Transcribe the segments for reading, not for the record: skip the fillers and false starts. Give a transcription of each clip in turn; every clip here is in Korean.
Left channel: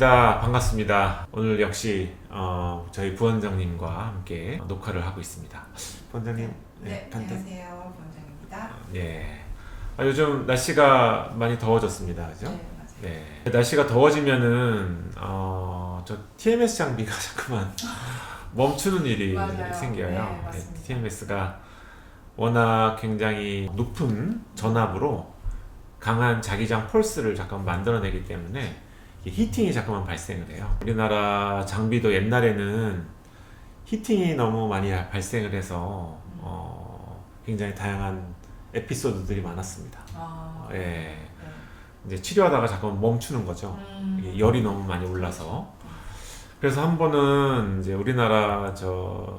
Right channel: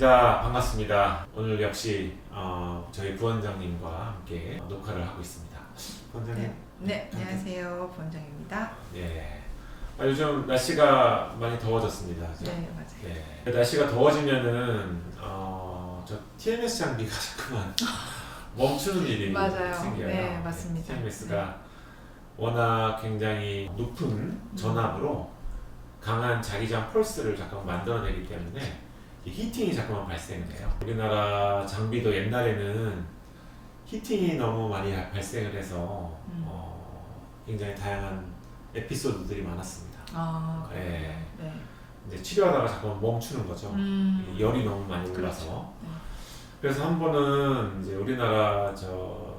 이정입니다. 반갑습니다. 오늘 역시 저희 부원장님과 함께 녹화를 하고 있습니다. 부원장님. 네, 안녕하세요. 부원장입니다. 예. 요즘 날씨가 많이 더워졌습니다. 그죠? 네, 맞아요. 네. 날씨가 더워지면은 저 TMS 장비가 자꾸만 멈추는 일이 맞아요. 생겨요. 네, 맞습니다. TMS가 워낙 굉장히 높은 전압으로 강한 자기장 펄스를 잠깐 만들어내기 때문에 히팅이 자꾸만 발생을 해요. 우리나라 장비도 옛날에는 히팅이 너무 많이 발생을 해서 굉장히 다양한 에피소드들이 많았습니다. 아, 예. 네. 이제 치료하다가 잠깐 멈추는 거죠. 이게 열이 너무 많이 올라서. 그래서 한 번은 이제 우리나라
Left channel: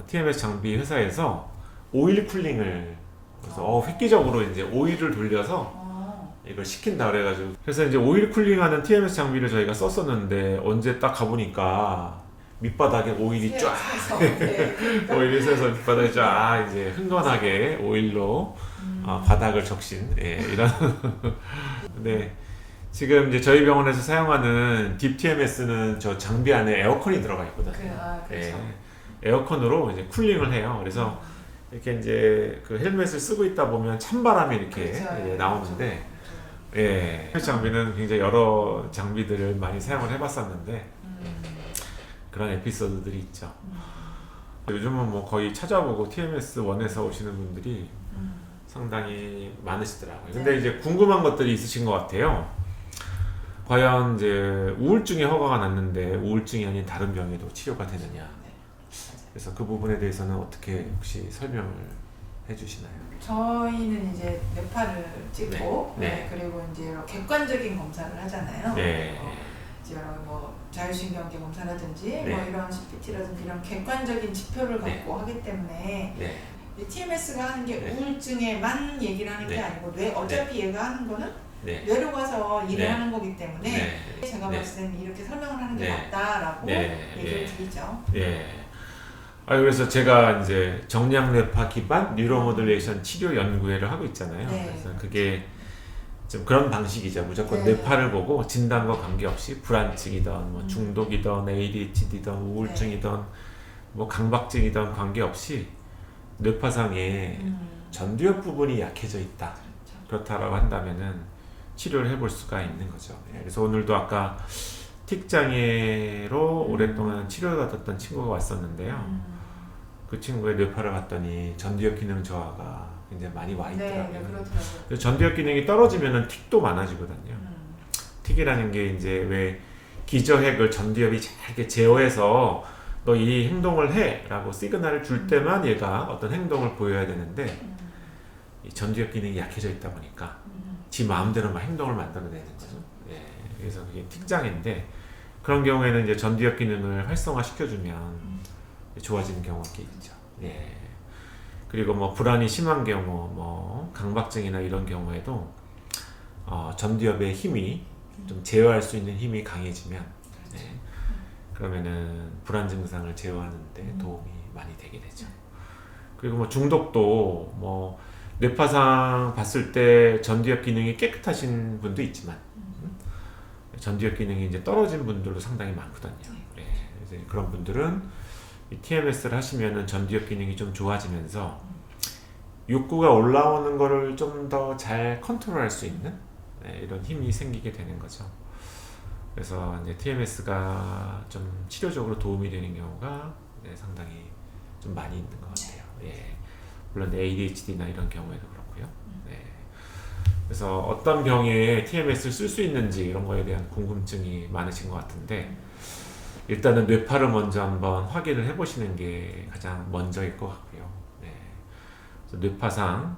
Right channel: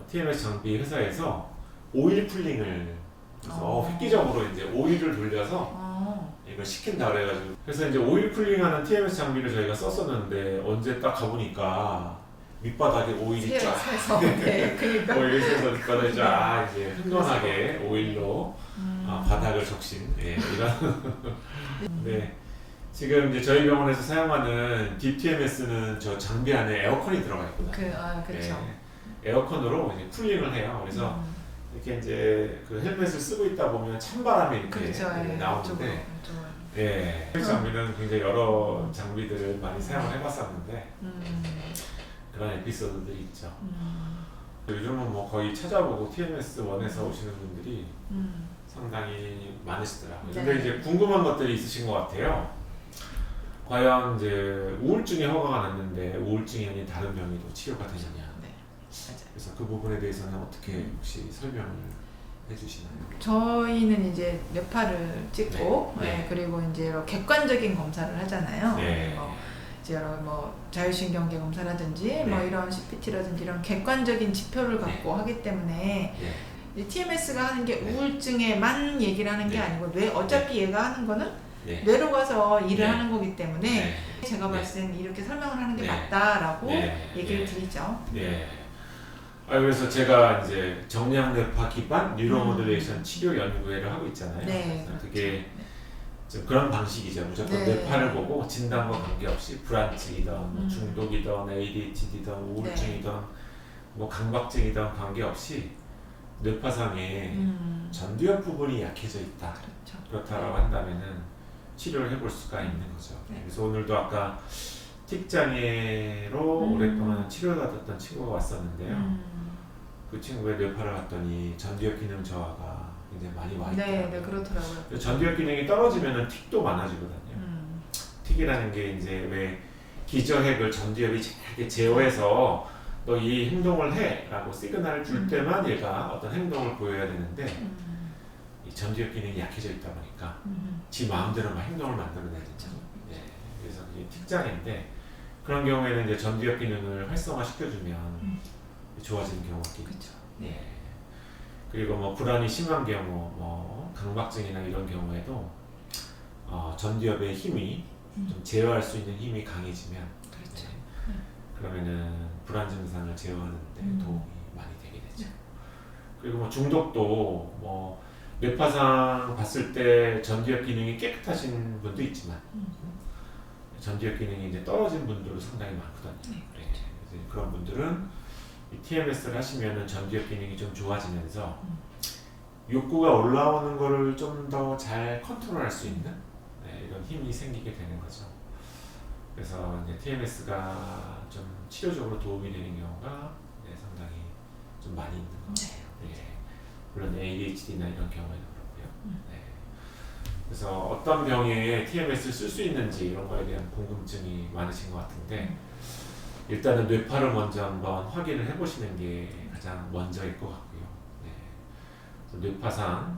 TMS 장비 회사에서 오일 쿨링을 그래서 획기적으로 이제 오일을 돌려서 이걸 시킨다 그래가지고 그래서 이제 오일 쿨링하는 TMS 장비를 저희가 썼었는데 언제 딱 가보니까 밑바닥에 오일이 쫙 네, 그러니까. 오일이 새서 밑바닥에 쫙 이제 흥건하게 오일로 바닥을 적신 이런 네. 지금 이제 저희 병원에서 사용하는 딥 TMS는 저 장비 안에 에어컨이 들어가 있거든요. 그렇죠. 에어컨으로 이제 쿨링을 해요. 그래서 이렇게 이제 그 헬멧을 쓰고 있다 보면 찬바람이 이렇게 그렇죠. 나오는데 장비는 굉장히 여러 장비들을 많이 사용을 해봤었는데 그런 에피소드들이 있죠. 요즘은 뭐 거의 찾아보고 TMS 원에서 오시는 분들이 상당히 많으시더라고요. 근데 이제 궁금한 것들이 있으신 것 같아요. 과연 이제 우울증이 허가가 났는데 우울증이 아닌 다른 병에도 치료가 되느냐. 그래서 그 부분에 대해서는 어떻게 혹시 설명을 해주시나요? 저희는 이제 뇌파를 찍고 네. 그리고 이제 객관적인 검사를 하잖아요. 네. 이제 뭐 자율신경계 검사라든지 네. 뭐 이런 CPT라든지 이런 객관적인 지표를 갖고 하기 때문에 이 TMS가 하는 게 우울증에만 얘기를 하는 게 아니고 어차피 얘가 하는 거는 뇌로 가서 일을 하는 거기 때문에 제가 봤을 때는 이렇게 설명을 하는 게 맞다라고 얘기를 드리죠. 그래서 제가 이제 정량뇌파 기반 뉴로모듈레이션 치료 연구회를 하고 있잖아요. 그래서 그게 좀 그런 방식이죠. 무조건 뇌파를 보고 진단과 관계없이 불안증이든 뭐 중독이든 ADHD든 우울증이든 뭐 강박증이든 관계없이 뇌파상에 전두엽 부분이 약해져 있다. 그렇다라고 한다면은 치료를 해볼 수가 있는 거죠. 그래서 오늘도 아까 틱 장애로 오랫동안 치료를 받았던 친구가 왔었는데요. 그 친구의 뇌파를 봤더니 전두엽 기능 저하가 굉장히 많이 와 있더라고요. 네, 그렇더라고요. 전두엽 기능이 떨어지면은 틱도 많아지거든요. 틱이라는 게 이제 왜 기저핵을 전두엽이 잘 이렇게 제어해서 너 이 행동을 해라고 시그널을 줄 때만 얘가 어떤 행동을 보여야 되는데 이 전두엽 기능이 약해져 있다 보니까 지 마음대로 막 행동을 만들어내죠. 그래서 그게 틱장애인데 그런 경우에는 이제 전두엽 기능을 활성화 시켜주면 좋아지는 경우가 있죠. 그리고 뭐 불안이 심한 경우, 뭐 강박증이나 이런 경우에도 전두엽의 힘이 좀 제어할 수 있는 힘이 강해지면 그러면은 불안 증상을 제어하는 데 도움이 많이 되게 되죠. 그리고 뭐 중독도 뭐 뇌파상 봤을 때 전두엽 기능이 깨끗하신 분도 있지만 전두엽 기능이 이제 떨어진 분들도 상당히 많거든요. 그래서 그런 분들은 이 TMS를 하시면은 전두엽 기능이 좀 좋아지면서 욕구가 올라오는 거를 좀 더 잘 컨트롤할 수 있는 이런 힘이 생기게 되는 거죠. 그래서 이제 TMS가 좀 치료적으로 도움이 되는 경우가 상당히 좀 많이 있는 것 같아요. 물론 ADHD나 이런 경우에는 그렇고요. 그래서 어떤 병에 TMS를 쓸 수 있는지 이런 거에 대한 궁금증이 많으신 것 같은데 일단은 뇌파를 먼저 한번 확인을 해보시는 게 가장 먼저일 것 같고요. 그래서 뇌파상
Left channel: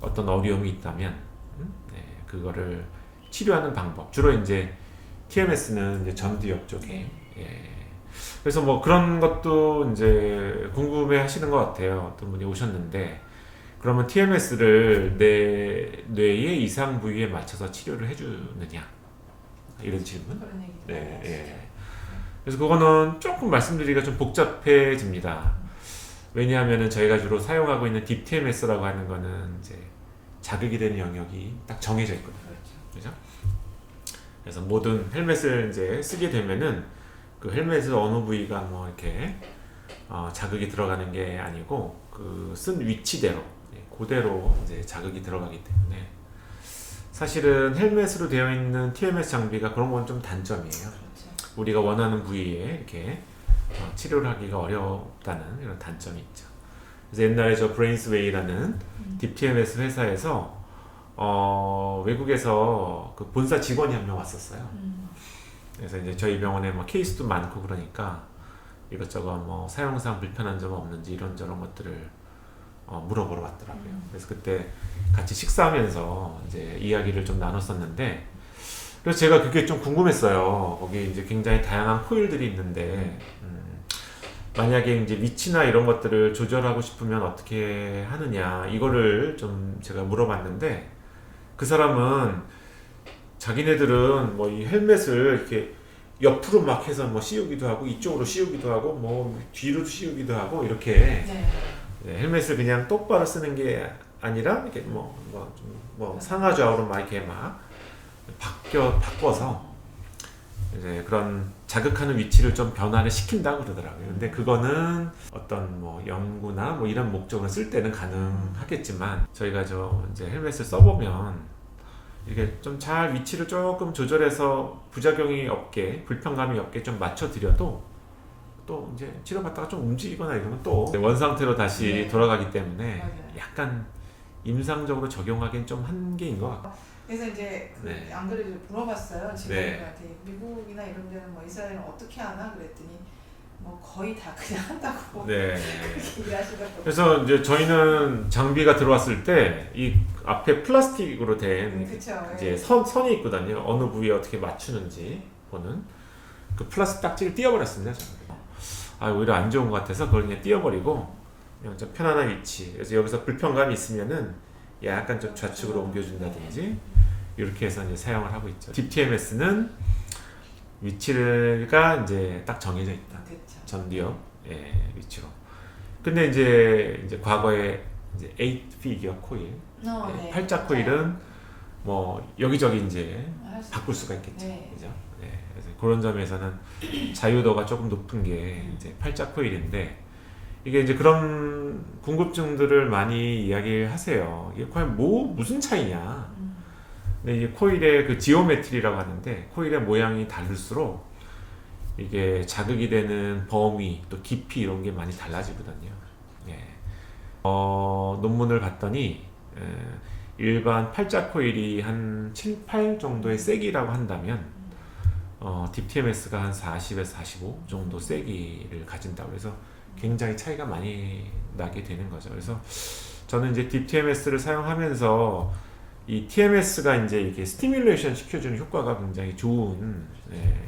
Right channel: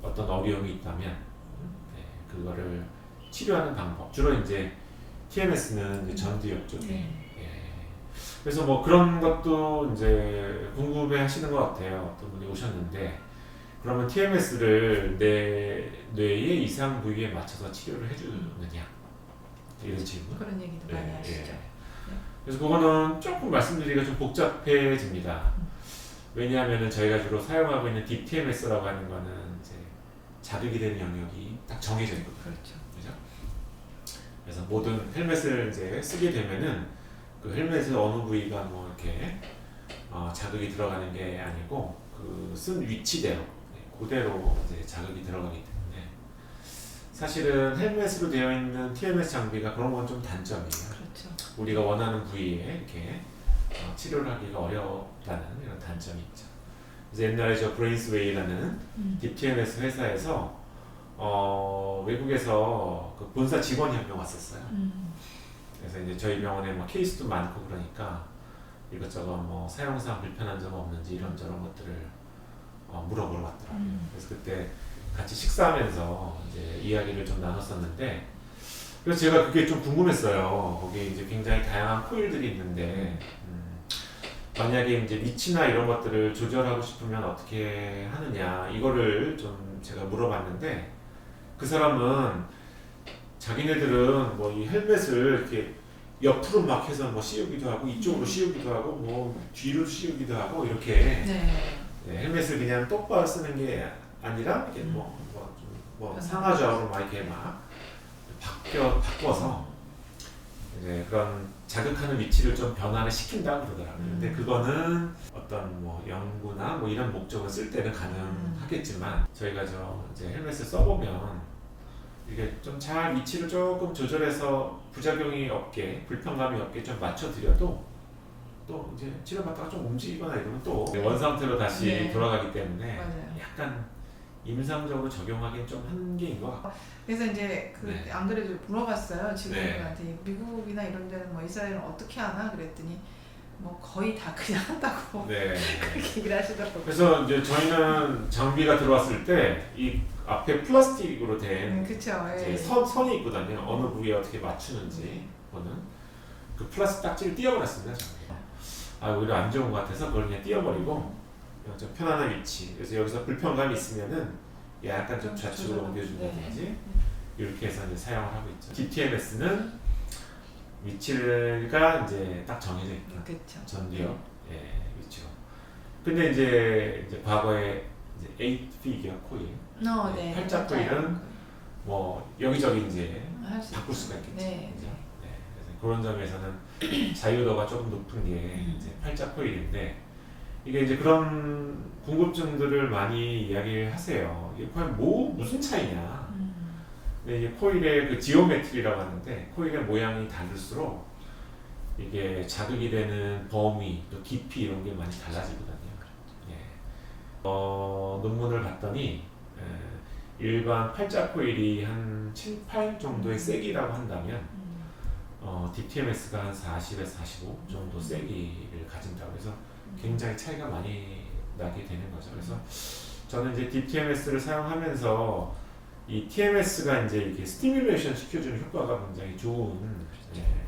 어떤 어려움이 있다면 그거를 치료하는 방법 주로 이제 TMS는 이제 전두엽 쪽에 그래서 뭐 그런 것도 이제 궁금해하시는 것 같아요. 어떤 분이 오셨는데 그러면 TMS를 내 뇌의 이상 부위에 맞춰서 치료를 해주느냐 이런 질문. 그런 얘기도 많이 하시죠. 그래서 그거는 조금 말씀드리기가 좀 복잡해집니다. 왜냐하면은 저희가 주로 사용하고 있는 딥 TMS라고 하는 거는 이제 자극이 되는 영역이 딱 정해져 있거든요. 그렇죠? 그래서 모든 헬멧을 이제 쓰게 되면은 그 헬멧의 어느 부위가 뭐 이렇게 자극이 들어가는 게 아니고 그 쓴 위치대로 그대로 이제 자극이 들어가기 때문에 사실은 헬멧으로 되어 있는 TMS 장비가 그런 건 좀 단점이에요. 그렇죠. 우리가 원하는 부위에 이렇게 치료를 하기가 어렵다는 이런 단점이 있죠. 그래서 옛날에 저 브레인스웨이라는 DTMS 회사에서 외국에서 그 본사 직원이 한 명 왔었어요. 그래서 이제 저희 병원에 뭐 케이스도 많고 그러니까 이것저것 뭐 사용상 불편한 점 없는지 이런저런 것들을 물어보러 왔더라고요. 그래서 그때 같이 식사하면서 이제 이야기를 좀 나눴었는데, 그래서 제가 그게 좀 궁금했어요. 거기 이제 굉장히 다양한 코일들이 있는데 만약에 이제 위치나 이런 것들을 조절하고 싶으면 어떻게 하느냐 이거를 좀 제가 물어봤는데, 그 사람은 자기네들은 뭐 이 헬멧을 이렇게 옆으로 막 해서 뭐 씌우기도 하고 이쪽으로 씌우기도 하고 뭐 뒤로 씌우기도 하고 이렇게 헬멧을 그냥 똑바로 쓰는 게 아니라 이렇게 뭐 상하좌우로 막 이렇게 막 바꿔서 이제 그런 자극하는 위치를 좀 변화를 시킨다고 그러더라고요. 근데 그거는 어떤 뭐 연구나 뭐 이런 목적을 쓸 때는 가능하겠지만 저희가 이제 헬멧을 써보면 이게 좀 잘 위치를 조금 조절해서 부작용이 없게 불편감이 없게 좀 맞춰드려도 또 이제 치료받다가 좀 움직이거나 이러면 또 원상태로 다시 돌아가기 때문에 약간 임상적으로 적용하기엔 좀 한계인 것 같아요. 그래서 이제 안 그래도 물어봤어요. 직원들한테 미국이나 이런 데는 뭐 이스라엘은 어떻게 하나 그랬더니 뭐 거의 다 그냥 한다고 그렇게 얘기를 하시더라고요. 그래서 이제 저희는 장비가 들어왔을 때 이 앞에 플라스틱으로 된 이제 선이 있거든요. 어느 부위에 어떻게 맞추는지 보는 그 플라스틱 딱지를 띄워버렸습니다. 오히려 안 좋은 것 같아서 그걸 그냥 띄워버리고 그냥 좀 편안한 위치. 그래서 여기서 불편감이 있으면은 약간 좀 좌측으로 옮겨준다든지 이렇게 해서 이제 사용을 하고 있죠. DTMS는 위치가 이제 딱 정해져 있다. 전두엽 위치로. 근데 이제 과거에 이제 8피겨 코일, 팔자 코일은 뭐 여기저기 이제 바꿀 수가 있겠죠. 그죠? 그래서 그런 점에서는 자유도가 조금 높은 게 이제 팔자 코일인데, 이게 이제 그런 궁금증들을 많이 이야기하세요. 이게 과연 무슨 차이냐? 근데 이제 코일의 그 지오메트리라고 하는데, 코일의 모양이 다를수록 이게 자극이 되는 범위 또 깊이 이런 게 많이 달라지거든요. 논문을 봤더니 일반 팔자 코일이 한 7, 8 정도의 세기라고 한다면 DTMS가 한 40에서 45 정도 세기를 가진다고 해서 굉장히 차이가 많이 나게 되는 거죠. 그래서 저는 이제 DTMS를 사용하면서 이 TMS가 이제 이렇게 스티뮬레이션 시켜주는 효과가 굉장히 좋은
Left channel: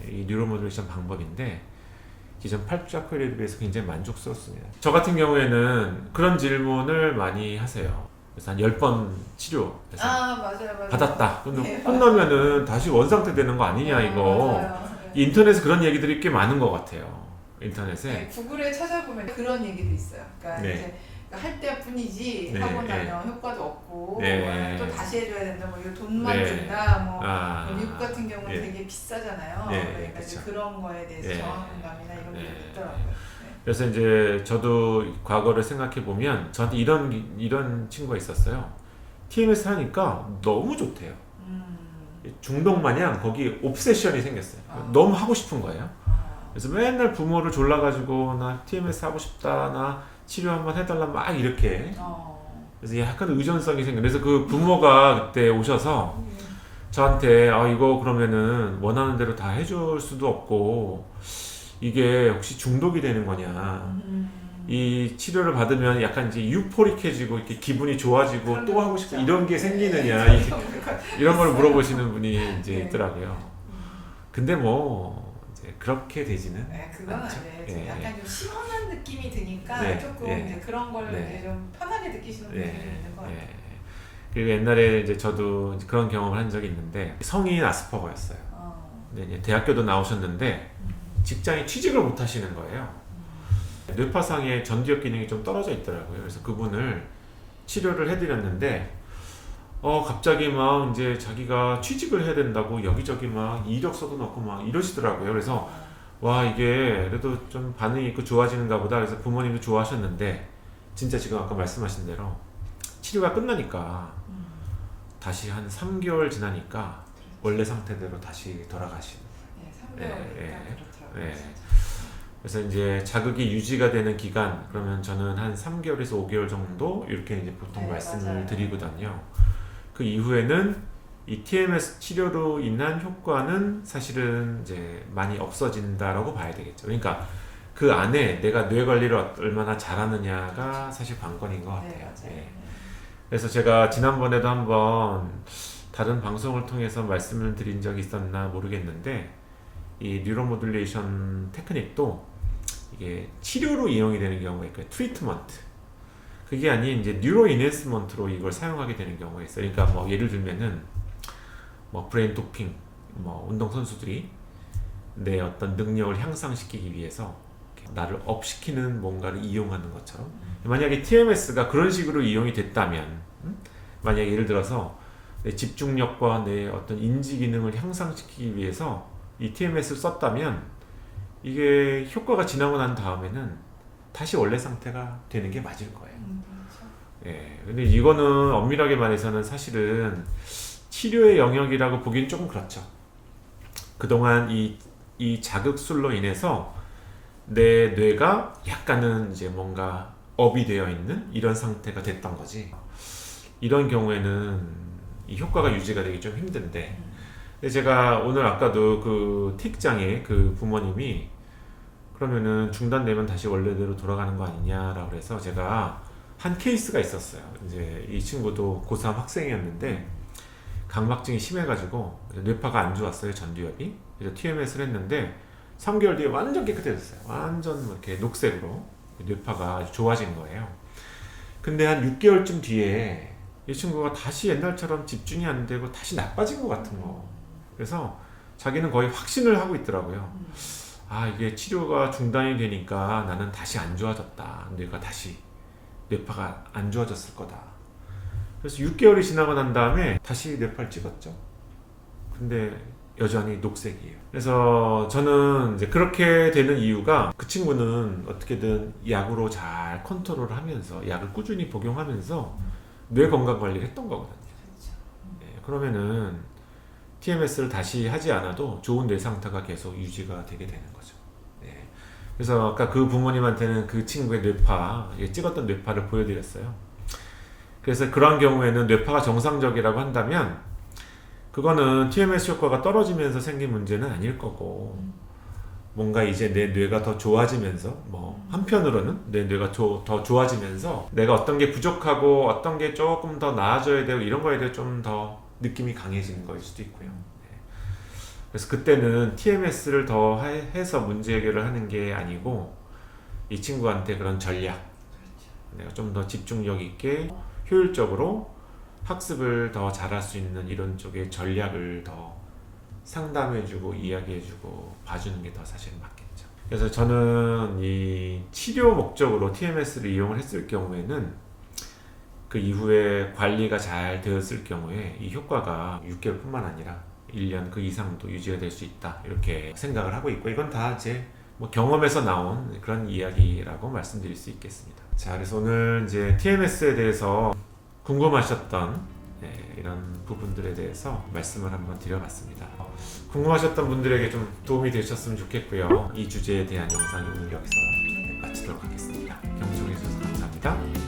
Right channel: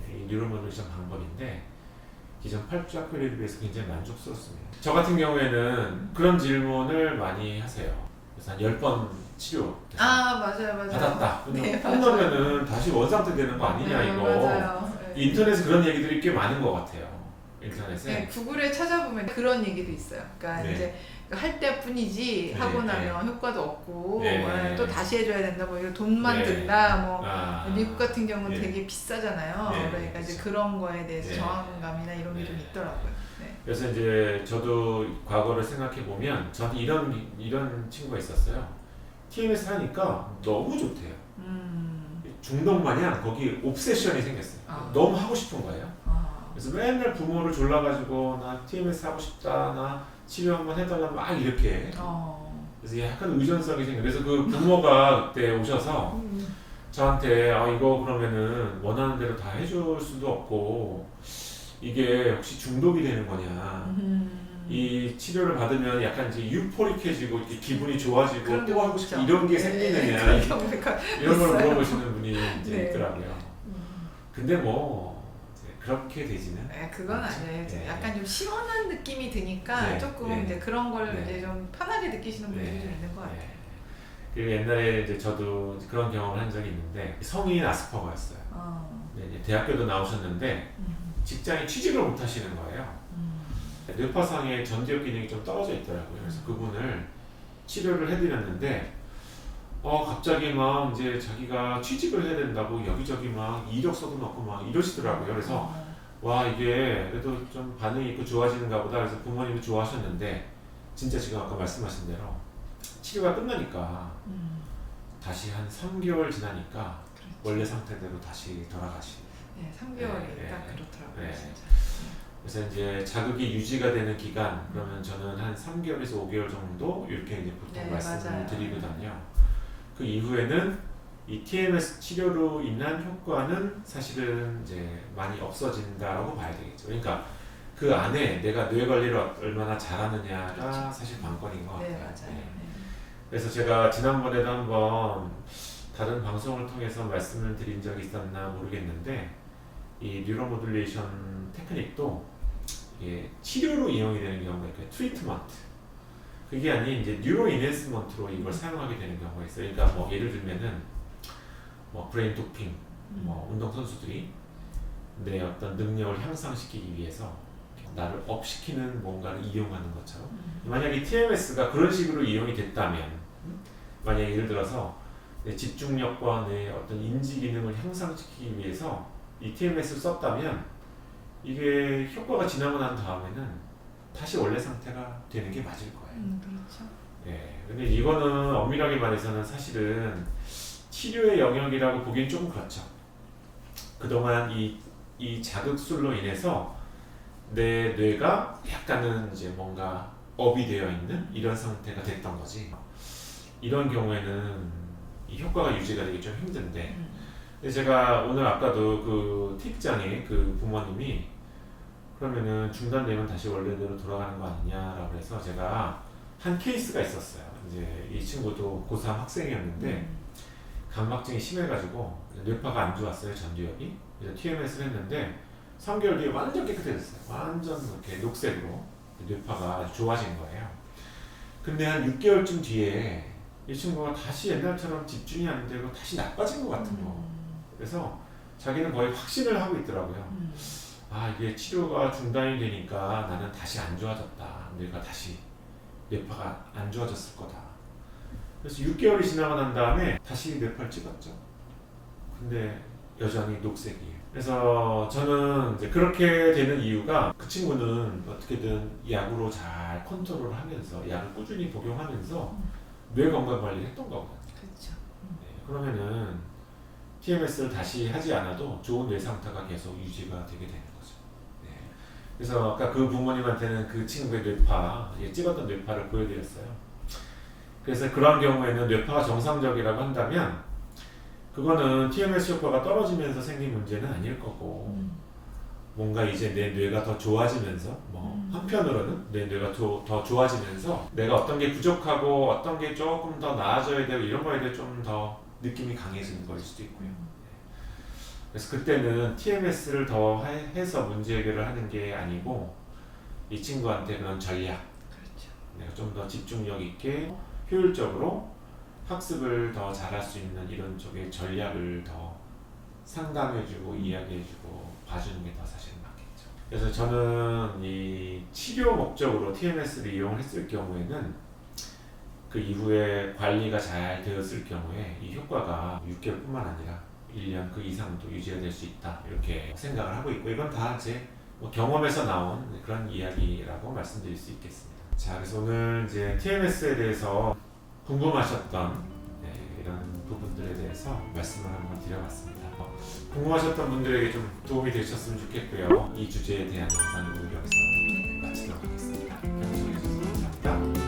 이 뉴로모듈레이션 방법인데, 기존 팔자 코일에 비해서 굉장히 만족스럽습니다. 저 같은 경우에는 그런 질문을 많이 하세요. 그래서 한 10번 치료 맞아요. 받았다. 끝나면은 다시 원상태 되는 거 아니냐 이거. 인터넷에 그런 얘기들이 꽤 많은 것 같아요. 인터넷에. 구글에 찾아보면 그런 얘기도 있어요. 그러니까 이제 할 때뿐이지 하고 나면 효과도 없고 또 다시 해줘야 된다. 뭐 이거 돈만 든다. 뭐 미국 같은 경우는 되게 비싸잖아요. 그러니까 이제 그런 거에 대해서 저항감이나 이런 게 좀 있더라고요. 그래서 이제 저도 과거를 생각해 보면 저한테 이런 친구가 있었어요. TMS 하니까 너무 좋대요. 중독 마냥 거기 옵세션이 생겼어요. 너무 하고 싶은 거예요. 그래서 맨날 부모를 졸라가지고 나 TMS 하고 싶다, 나 치료 한번 해달라 막 이렇게. 그래서 약간 의존성이 생겨. 그래서 그 부모가 그때 오셔서 저한테 이거 그러면은 원하는 대로 다 해줄 수도 없고 이게 혹시 중독이 되는 거냐. 이 치료를 받으면 약간 이제 유포릭해지고 이렇게 기분이 좋아지고 또 하고 싶고 이런 게 생기느냐 이런 걸 물어보시는 분이 이제 있더라고요. 근데 뭐 이제 그렇게 되지는 그건 아니에요. 약간 좀 시원한 느낌이 드니까 조금 이제 그런 걸 이제 좀 편하게 느끼시는 분들이 좀 있는 것 같아요. 그리고 옛날에 이제 저도 이제 그런 경험을 한 적이 있는데, 성인 아스퍼거였어요. 이제 대학교도 나오셨는데 직장에 취직을 못 하시는 거예요. 뇌파상의 전두엽 기능이 좀 떨어져 있더라고요. 그래서 그분을 치료를 해드렸는데 갑자기 막 이제 자기가 취직을 해야 된다고 여기저기 막 이력서도 넣고 막 이러시더라고요. 그래서 와 이게 그래도 좀 반응이 있고 좋아지는가 보다. 그래서 부모님도 좋아하셨는데 진짜 지금 아까 말씀하신 대로 치료가 끝나니까 다시 한 3개월 지나니까 원래 상태대로 다시 돌아가시는. 네, 3개월 딱 그렇더라고요. 네. 그래서 이제 자극이 유지가 되는 기간 그러면 저는 한 3개월에서 5개월 정도 이렇게 이제 보통 네, 말씀을 맞아요. 드리거든요. 그 이후에는 이 TMS 치료로 인한 효과는 사실은 이제 많이 없어진다라고 봐야 되겠죠. 그러니까 그 안에 내가 뇌 관리를 얼마나 잘하느냐가 사실 관건인 것 같아요. 네, 맞아요. 네. 그래서 제가 지난번에도 한번 다른 방송을 통해서 말씀을 드린 적이 있었나 모르겠는데 이 뉴로모듈레이션 테크닉도 이게 치료로 이용이 되는 경우가 있고요. 트리트먼트. 그게 아닌 이제 뉴로 인핸스먼트로 이걸 사용하게 되는 경우가 있어요. 그러니까 뭐 예를 들면은 뭐 브레인 도핑, 뭐 운동 선수들이 내 어떤 능력을 향상시키기 위해서 나를 업시키는 뭔가를 이용하는 것처럼 만약에 TMS가 그런 식으로 이용이 됐다면 만약에 예를 들어서 내 집중력과 내 어떤 인지 기능을 향상시키기 위해서 이 TMS를 썼다면 이게 효과가 지나고 난 다음에는 다시 원래 상태가 되는 게 맞을 거예요. 그렇죠. 예. 근데 이거는 엄밀하게 말해서는 사실은 치료의 영역이라고 보기엔 조금 그렇죠. 그동안 이 자극술로 인해서 내 뇌가 약간은 이제 뭔가 업이 되어 있는 이런 상태가 됐던 거지. 이런 경우에는 이 효과가 유지가 되기 좀 힘든데 근데 제가 오늘 아까도 그 틱장의 그 부모님이 그러면은 중단되면 다시 원래대로 돌아가는 거 아니냐라고 해서 제가 한 케이스가 있었어요. 이제 이 친구도 고3 학생이었는데 각막증이 심해가지고 뇌파가 안 좋았어요. 전두엽이. 그래서 TMS를 했는데 3개월 뒤에 완전 깨끗해졌어요. 완전 이렇게 녹색으로 뇌파가 좋아진 거예요. 근데 한 6개월쯤 뒤에 이 친구가 다시 옛날처럼 집중이 안 되고 다시 나빠진 것 같은 거. 그래서 자기는 거의 확신을 하고 있더라고요. 이게 치료가 중단이 되니까 나는 다시 안 좋아졌다. 내가 다시 뇌파가 안 좋아졌을 거다. 그래서 6개월이 지나고 난 다음에 다시 뇌파를 찍었죠. 근데 여전히 녹색이에요. 그래서 저는 이제 그렇게 되는 이유가 그 친구는 어떻게든 약으로 잘 컨트롤을 하면서 약을 꾸준히 복용하면서 뇌 건강 관리를 했던 거거든요. 그렇죠. 네, 그러면은 TMS를 다시 하지 않아도 좋은 뇌 상태가 계속 유지가 되게 되는 거죠. 네. 그래서 아까 그 부모님한테는 그 친구의 뇌파, 찍었던 뇌파를 보여드렸어요. 그래서 그런 경우에는 뇌파가 정상적이라고 한다면 그거는 TMS 효과가 떨어지면서 생긴 문제는 아닐 거고 뭔가 이제 내 뇌가 더 좋아지면서 뭐 한편으로는 내 뇌가 더 좋아지면서 내가 어떤 게 부족하고 어떤 게 조금 더 나아져야 되고 이런 거에 대해 좀 더 느낌이 강해지는 거일 수도 있고요. 그래서 그때는 TMS를 더 해서 문제 해결을 하는 게 아니고 이 친구한테 그런 전략, 그렇죠. 내가 좀 더 집중력 있게 효율적으로 학습을 더 잘할 수 있는 이런 쪽의 전략을 더 상담해주고 이야기해주고 봐주는 게 더 사실 맞겠죠. 그래서 저는 이 치료 목적으로 TMS를 이용을 했을 경우에는 그 이후에 관리가 잘 되었을 경우에 이 효과가 6개월뿐만 아니라 1년 그 이상도 유지가 될 수 있다 이렇게 생각을 하고 있고 이건 다 이제 뭐 경험에서 나온 그런 이야기라고 말씀드릴 수 있겠습니다. 자, 그래서 오늘 이제 TMS에 대해서 궁금하셨던 이런 부분들에 대해서 말씀을 한번 드려봤습니다. 궁금하셨던 분들에게 좀 도움이 되셨으면 좋겠고요. 이 주제에 대한 영상은 여기서 마치도록 하겠습니다. 경청해 주셔서 감사합니다.